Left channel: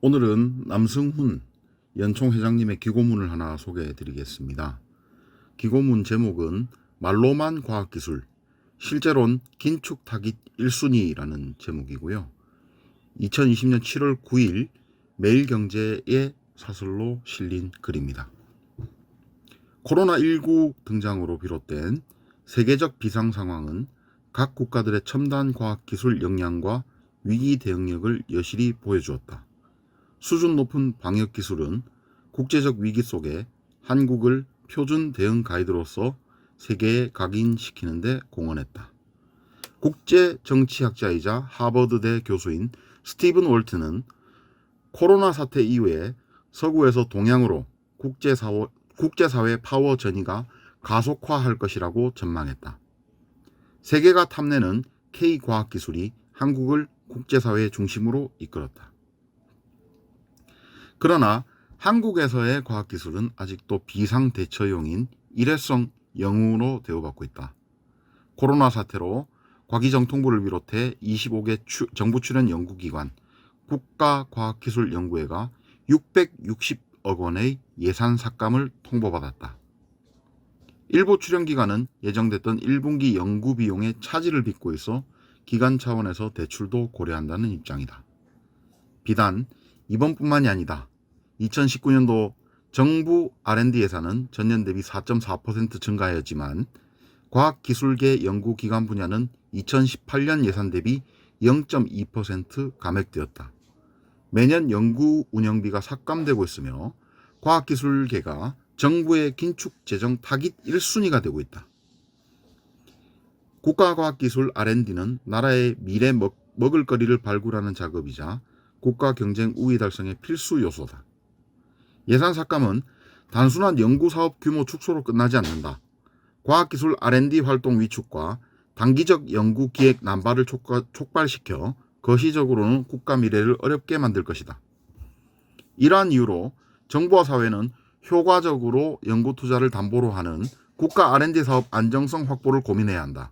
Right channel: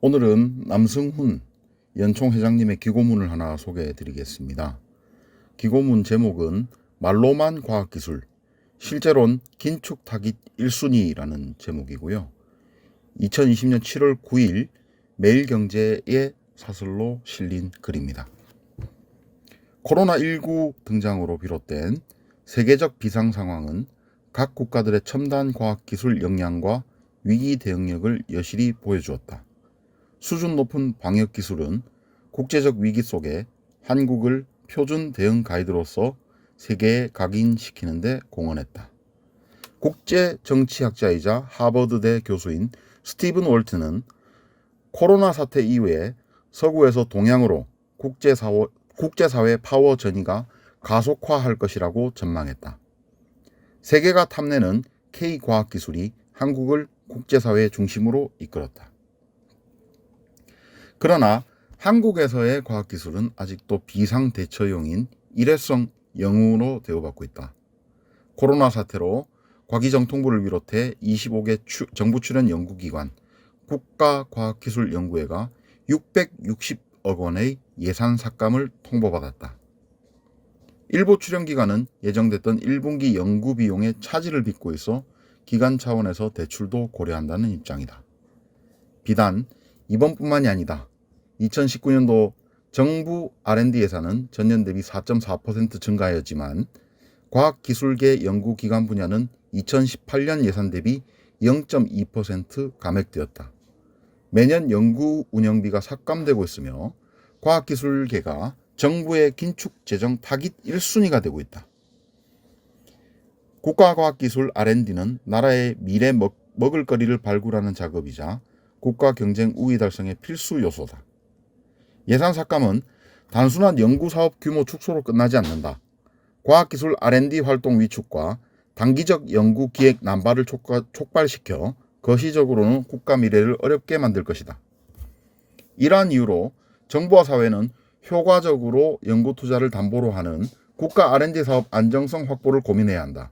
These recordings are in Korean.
오늘은 남승훈 연총 회장님의 기고문을 하나 소개해 드리겠습니다. 기고문 제목은 말로만 과학기술, 실제론 긴축 타깃 1순위라는 제목이고요. 2020년 7월 9일 매일경제의 사설로 실린 글입니다. 코로나19 등장으로 비롯된 세계적 비상 상황은 각 국가들의 첨단 과학기술 역량과 위기 대응력을 여실히 보여주었다. 수준 높은 방역 기술은 국제적 위기 속에 한국을 표준 대응 가이드로서 세계에 각인시키는 데 공헌했다. 국제 정치학자이자 하버드대 교수인 스티븐 월트는 코로나 사태 이후에 서구에서 동양으로 국제사회, 국제사회 파워 전이가 가속화할 것이라고 전망했다. 세계가 탐내는 K 과학기술이 한국을 국제사회 중심으로 이끌었다. 그러나 한국에서의 과학기술은 아직도 비상대처용인 일회성 영웅으로 대우받고 있다. 코로나 사태로 과기정통부를 비롯해 25개 추, 정부 출연 연구기관, 국가과학기술연구회가 660억 원의 예산 삭감을 통보받았다. 일부 출연기관은 예정됐던 1분기 연구 비용의 차질을 빚고 있어 기관 차원에서 대출도 고려한다는 입장이다. 비단 이번뿐만이 아니다. 2019년도 정부 R&D 예산은 전년 대비 4.4% 증가하였지만 과학기술계 연구기관 분야는 2018년 예산 대비 0.2% 감액되었다. 매년 연구 운영비가 삭감되고 있으며 과학기술계가 정부의 긴축 재정 타깃 1순위가 되고 있다. 국가과학기술 R&D는 나라의 미래 먹, 먹을거리를 발굴하는 작업이자 국가 경쟁 우위 달성의 필수 요소다. 예산 삭감은 단순한 연구 사업 규모 축소로 끝나지 않는다. 과학기술 R&D 활동 위축과 단기적 연구 기획 난발을 촉발시켜 거시적으로는 국가 미래를 어렵게 만들 것이다. 이러한 이유로 정부와 사회는 효과적으로 연구 투자를 담보로 하는 국가 R&D 사업 안정성 확보를 고민해야 한다.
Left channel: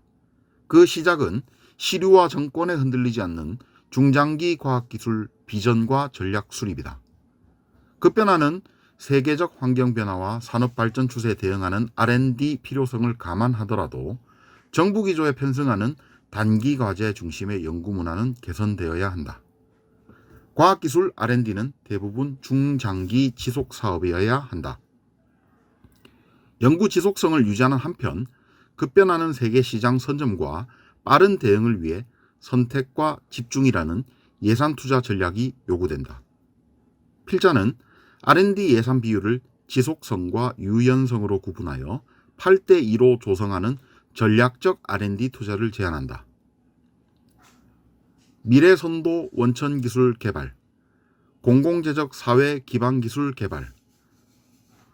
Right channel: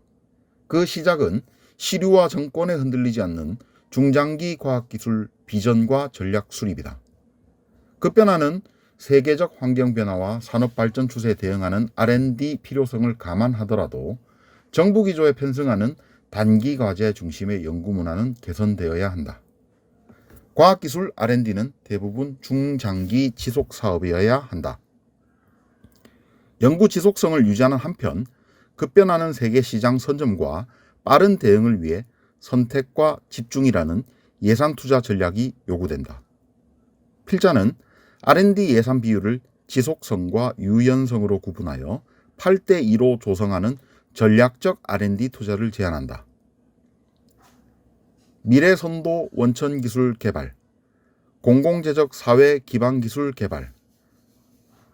그 시작은 시류와 정권에 흔들리지 않는 중장기 과학기술 비전과 전략 수립이다. 급변하는 세계적 환경 변화와 산업 발전 추세에 대응하는 R&D 필요성을 감안하더라도 정부 기조에 편승하는 단기 과제 중심의 연구 문화는 개선되어야 한다. 과학기술 R&D는 대부분 중장기 지속 사업이어야 한다. 연구 지속성을 유지하는 한편 급변하는 세계 시장 선점과 빠른 대응을 위해 선택과 집중이라는 예산 투자 전략이 요구된다. 필자는 R&D 예산 비율을 지속성과 유연성으로 구분하여 8대 2로 조성하는 전략적 R&D 투자를 제안한다. 미래 선도 원천 기술 개발, 공공재적 사회 기반 기술 개발,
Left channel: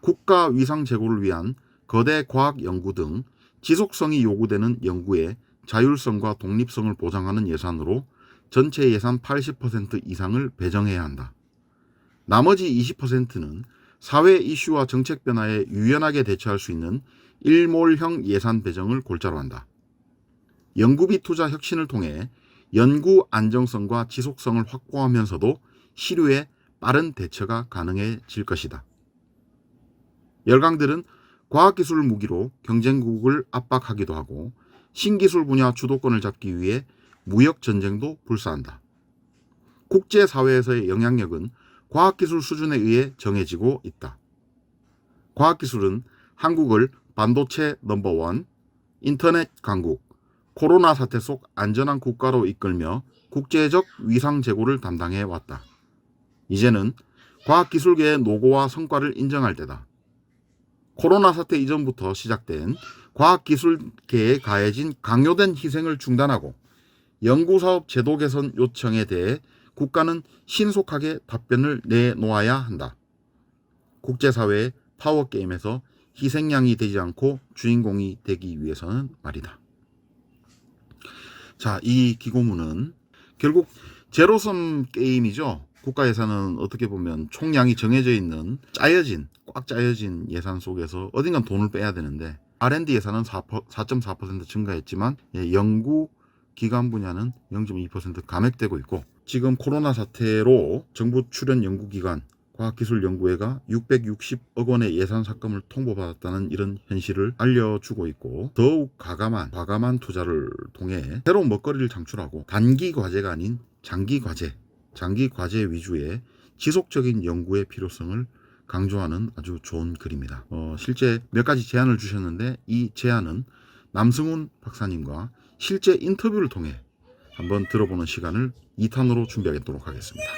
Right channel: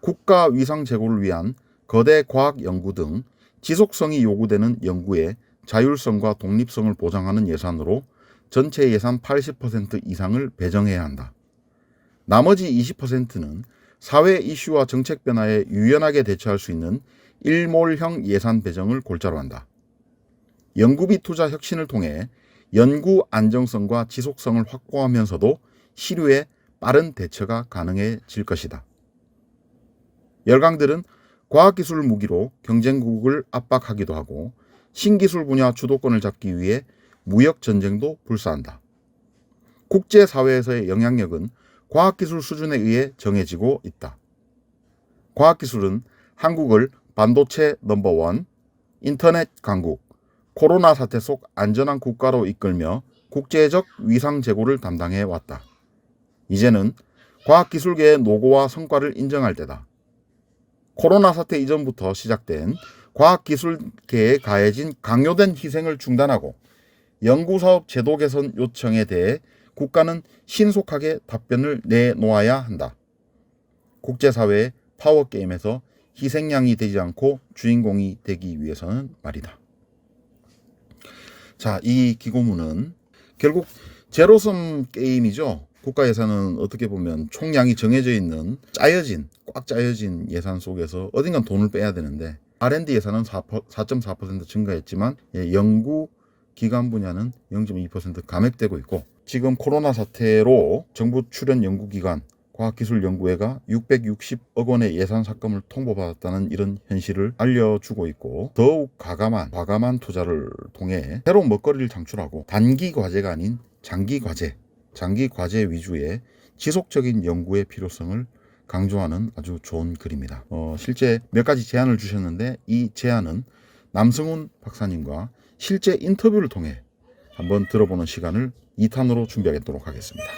국가 위상 제고를 위한 거대 과학 연구 등 지속성이 요구되는 연구의 자율성과 독립성을 보장하는 예산으로 전체 예산 80% 이상을 배정해야 한다. 나머지 20%는 사회 이슈와 정책 변화에 유연하게 대처할 수 있는 일몰형 예산 배정을 골자로 한다. 연구비 투자 혁신을 통해 연구 안정성과 지속성을 확보하면서도 시류에 빠른 대처가 가능해질 것이다. 열강들은 과학기술 무기로 경쟁국을 압박하기도 하고 신기술 분야 주도권을 잡기 위해 무역 전쟁도 불사한다. 국제 사회에서의 영향력은 과학기술 수준에 의해 정해지고 있다. 과학기술은 한국을 반도체 넘버원, 인터넷 강국, 코로나 사태 속 안전한 국가로 이끌며 국제적 위상 제고를 담당해 왔다. 이제는 과학기술계의 노고와 성과를 인정할 때다. 코로나 사태 이전부터 시작된 과학기술계에 가해진 강요된 희생을 중단하고 연구사업 제도 개선 요청에 대해 국가는 신속하게 답변을 내놓아야 한다. 국제사회의 파워게임에서 희생양이 되지 않고 주인공이 되기 위해서는 말이다. 자, 이 기고문은 결국 제로섬 게임이죠. 국가 예산은 어떻게 보면 총량이 정해져 있는 짜여진 꽉 짜여진 예산 속에서 어딘간 돈을 빼야 되는데 R&D 예산은 4.4% 증가했지만 예, 연구 기관 분야는 0.2% 감액되고 있고 지금 코로나 사태로 정부 출연 연구기관 과학기술연구회가 660억 원의 예산 삭감을 통보받았다는 이런 현실을 알려주고 있고 더욱 과감한 과감한 투자를 통해 새로운 먹거리를 창출하고 단기 과제가 아닌 장기 과제, 장기 과제 위주의 지속적인 연구의 필요성을 강조하는 아주 좋은 글입니다. 어, 실제 몇 가지 제안을 주셨는데 이 제안은 남승훈 박사님과 실제 인터뷰를 통해 한번 들어보는 시간을 2탄으로 준비하도록 하겠습니다.